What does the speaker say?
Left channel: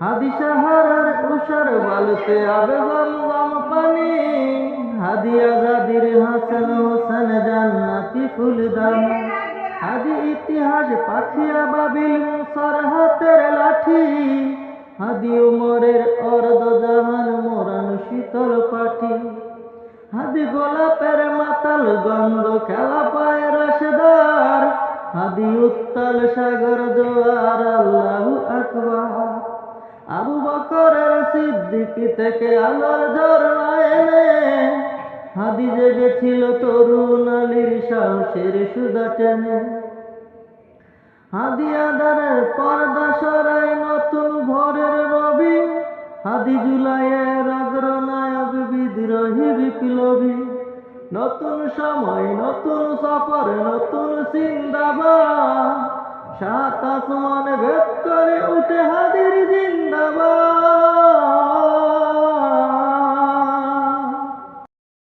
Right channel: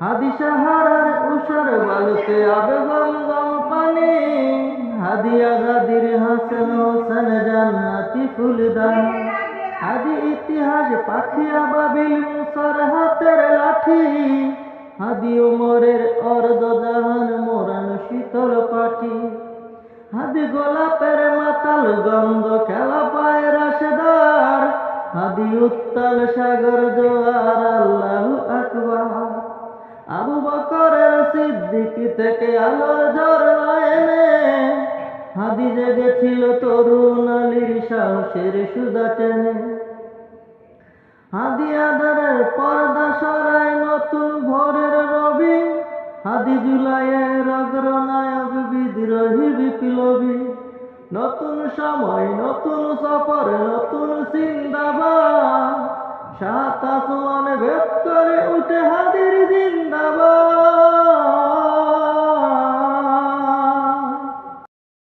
হাদি সাহারার উষার বালুতে আবে গম গম পানি, হাদি আজাদির হাসান হোসেন জান্নাতি ফুলদান, হাদি ইতিহাস পাখিয়া বাবিল মুসার হাতের লাঠি, হাদি উমরের অর্ধ জাহান মোরানো শীতল পাঠি, হাদি গোলাপের মাতাল গন্ধ খেলা পায় রাশেদার, হাদি উত্তাল সাগর জোয়ার আল্লাহু আকবার। আবু বকরের সিদ্দিকী থেকে আলোর ঝরনা এনে, হাদি জেগেছিল তরুণ আলীর সাহসের সুধা টেনে, হাদি আধারের পর্দা সরায় নতুন ভোরের রবি, হাদি জুলাইয়ের অগ্রনায়ক বিদ্রোহী বিপ্লবী, নতুন সময় নতুন সফর নতুন জিন্দাবাদ, সাত আসমান ভেদ করে উঠে হাদির